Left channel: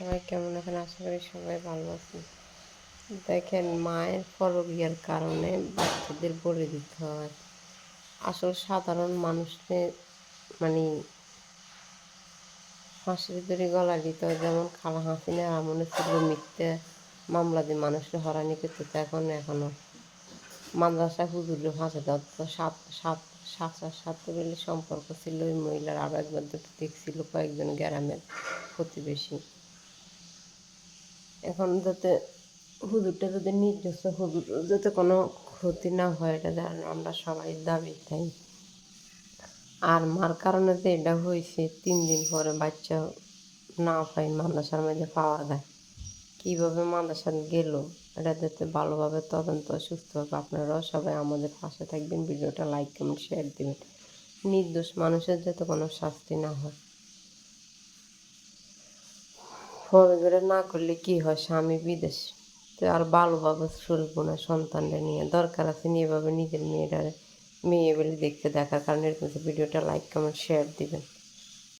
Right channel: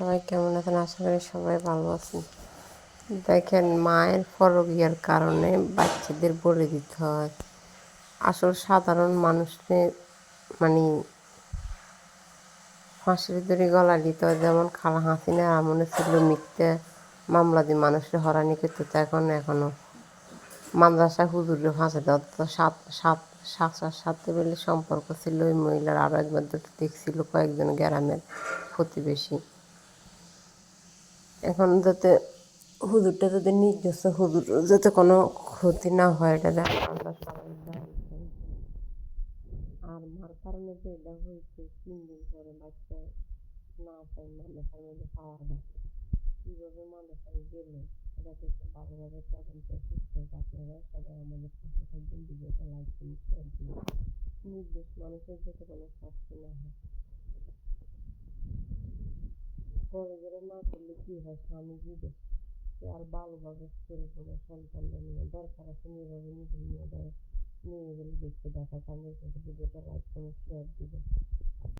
সবাই কেমন আছেন? আশা করি সবাই ভালো আছেন। দেখেন, মায়ের পরকীয়ার কারণে বাচ্চাদের বলে দিতে হয়। আসল সাধারণ মানুষদের মানে ফাঁসির দড়ি গলায় দিতে হয়। যেমন খালা হাসিনার আমলে ছিল মিথ্যা মামলা দিয়ে মানুষের হয়রানি করতে, তো এখনও মাদ্রাসা হুজুরে ফাঁসি দেওয়া। তো সাত সাথে বলে সম্পর্ক ছিল ওই মহিলার। আরও একবার দুটো দেখছিল কয়েকজন গ্রামের প্রতিবেশী। এখন যাতে হুজুরটা যদি নির্দোষ হুজুর যাতে কোনো ক্ষতি না হয়, এটা যেন আমরা সবাই দাবি তাই। আর মার কারণে যে এটা হয়েছে, 3 দিন পরে বাচ্চা না পাই মাদ্রাসার মধ্যে পাওয়া যায়। কীভাবে মাদ্রাসা গেল এটা যাতে ভালোভাবে তদন্ত সুস্থভাবে আপনারাও সবাই আমাদের পাশে থাকবেন। ভিডিওটা লাইক কমেন্ট শেয়ার দেবেন। নির্দোষ মানুষের যাতে কোনো শাস্তি না হয়। ফরজরে না করলে কি হয়, স্বামী বিদেশ তো আর ভালোভাবে চলবো না। সন্তানরা নিয়ে দরকার আছে এভাবে নিজের মেয়ে বলে দেখতে দেখার কারণে এরকম ভিডিওটা লাইক কমেন্ট শেয়ার দিবেন।